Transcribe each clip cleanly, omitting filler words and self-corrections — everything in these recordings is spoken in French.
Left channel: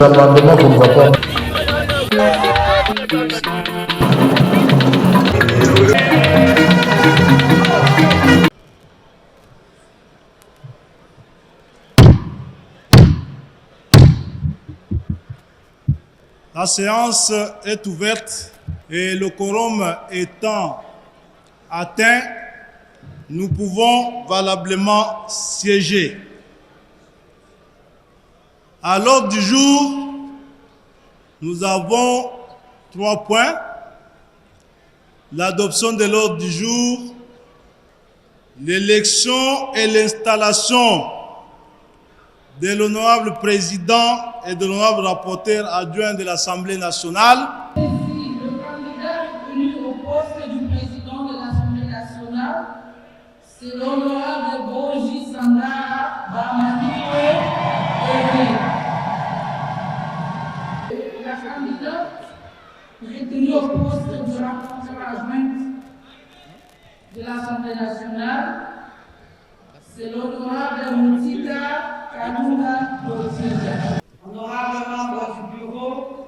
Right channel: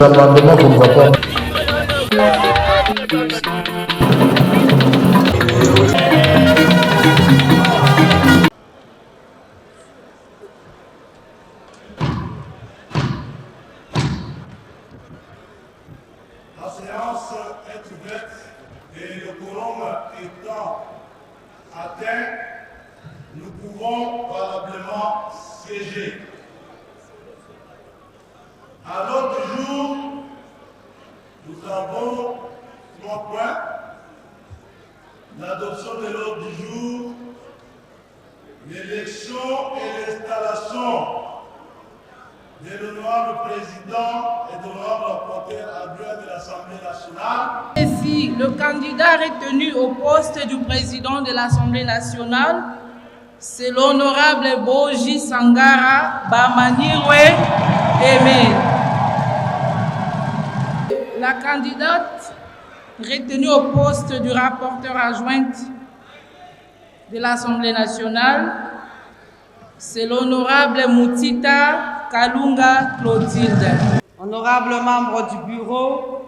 L'amendement qu'on va pas. La séance est ouverte et le quorum étant atteint, nous pouvons valablement siéger. À l'ordre du jour, nous avons 3 points. L'adoption de l'ordre du jour, l'élection et l'installation de l'honorable président et de l'honorable rapporteur adjoint de l'Assemblée nationale. Ainsi, le candidat retenu au poste du président de l'Assemblée nationale, c'est l'honorable Boji Sangara Bamanirwe Aimé. La candidate retenue au poste du rapporteur adjoint de l'Assemblée nationale, c'est l'honorable Moutita Kalunga Clotilde. Honorables membres du bureau,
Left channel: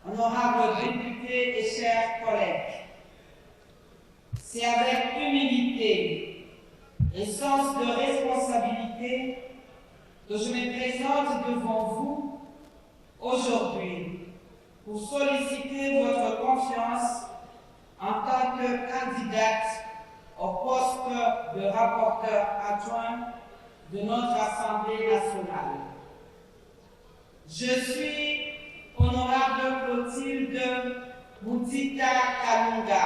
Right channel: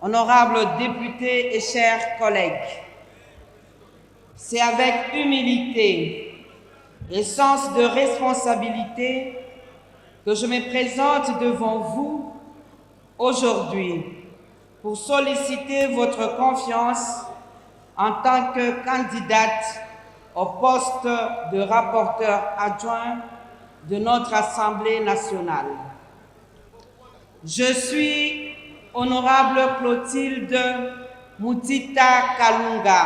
honorables députés et chers collègues, c'est avec humilité et sens de responsabilité que je me présente devant vous aujourd'hui pour solliciter votre confiance en tant que candidate au poste de rapporteur adjoint de notre Assemblée nationale. Je suis honorable Clotilde Moutita Kalunga,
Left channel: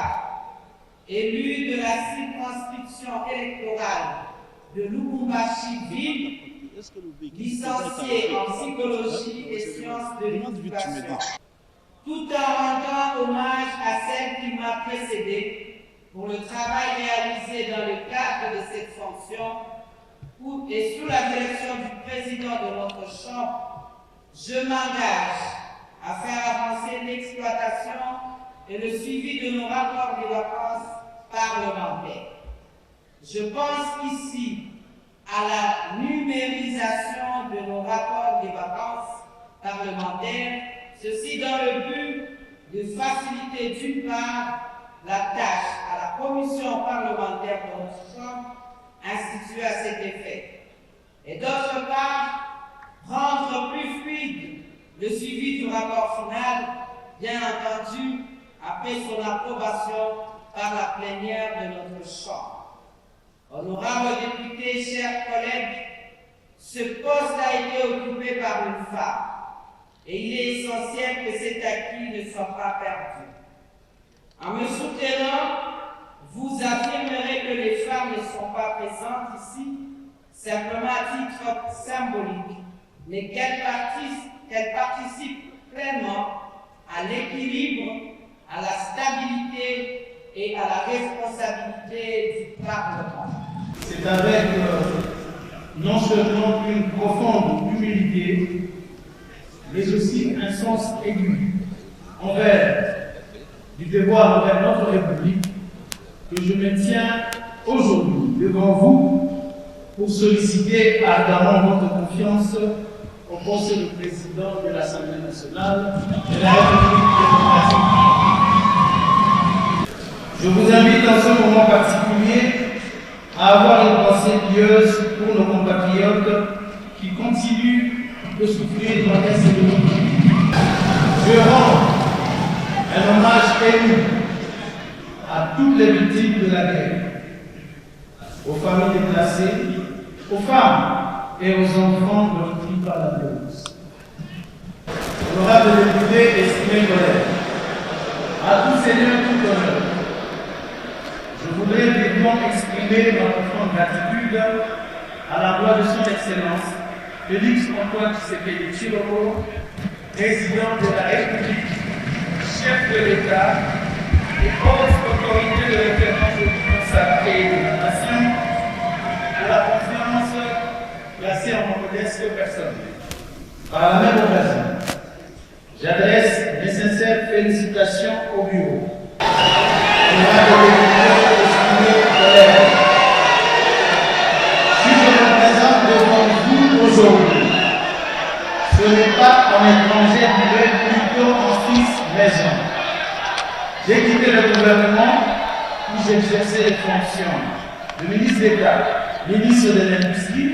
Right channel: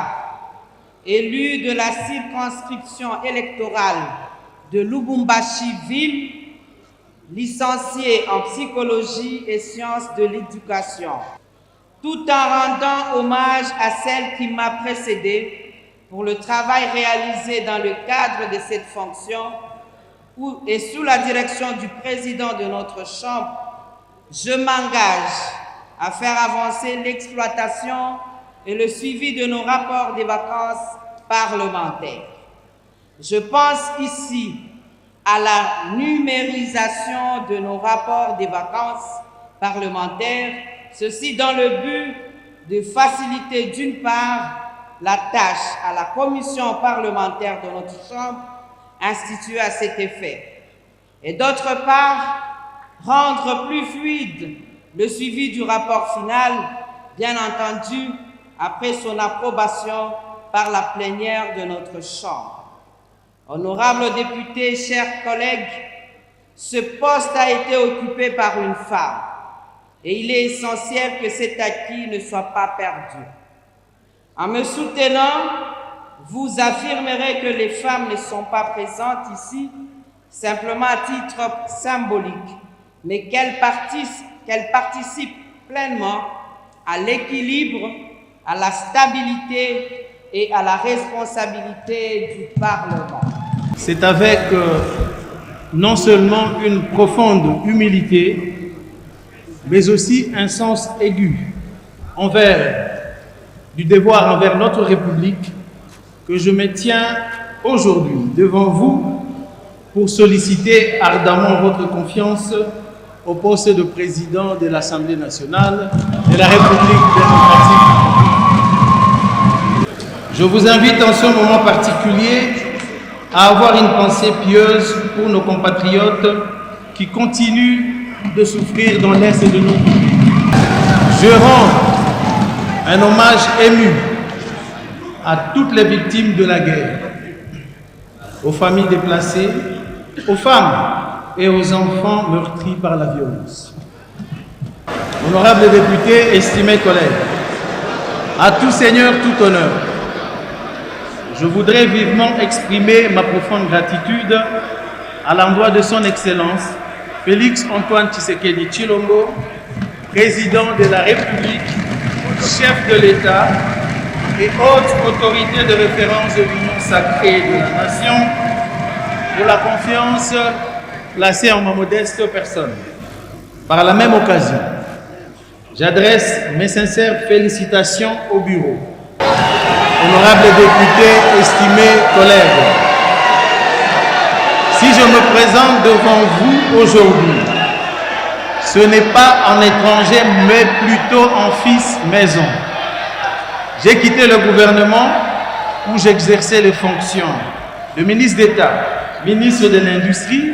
élue de la circonscription électorale de Lubumbashi-Ville, licenciée en psychologie et sciences de l'éducation, tout en rendant hommage à celle qui m'a précédée pour le travail réalisé dans le cadre de cette fonction et sous la direction du président de notre Chambre. Je m'engage à faire avancer l'exploitation et le suivi de nos rapports des vacances parlementaires. Je pense ici à la numérisation de nos rapports des vacances parlementaires, ceci dans le but de faciliter d'une part la tâche à la commission parlementaire de notre Chambre instituée à cet effet, et d'autre part rendre plus fluide le suivi du rapport final, bien entendu après son approbation par la plénière de notre Chambre. Honorables députés, chers collègues, ce poste a été occupé par une femme et il est essentiel que cet acquis ne soit pas perdu. En me soutenant, vous affirmerez que les femmes ne sont pas présentes ici simplement à titre symbolique, mais qu'elles participent pleinement à l'équilibre, à la stabilité et à la responsabilité du Parlement. C'est avec non seulement une profonde humilité, mais aussi un sens aigu du devoir envers notre République que je me tiens aujourd'hui devant vous pour solliciter ardemment votre confiance au poste de président de l'Assemblée nationale de la République démocratique. Je vous invite en ce moment particulier à avoir une pensée pieuse pour nos compatriotes qui continuent de souffrir dans l'Est de notre pays. Je rends un hommage ému à toutes les victimes de la guerre, aux familles déplacées, aux femmes et aux enfants meurtris par la violence. Honorables députés, estimés collègues, à tout seigneur, tout honneur, je voudrais vivement exprimer ma profonde gratitude à l'endroit de son Excellence Félix Antoine Tshisekedi Tshilombo, président de la République, chef de l'État et haute autorité de référence de l'Union sacrée des nations, pour la confiance placée en ma modeste personne. Par la même occasion, j'adresse mes sincères félicitations au bureau. Honorables députés, estimés collègues, si je me présente devant vous aujourd'hui, ce n'est pas en étranger, mais plutôt en fils maison. J'ai quitté le gouvernement où j'exerçais les fonctions de ministre d'État, ministre de l'Industrie,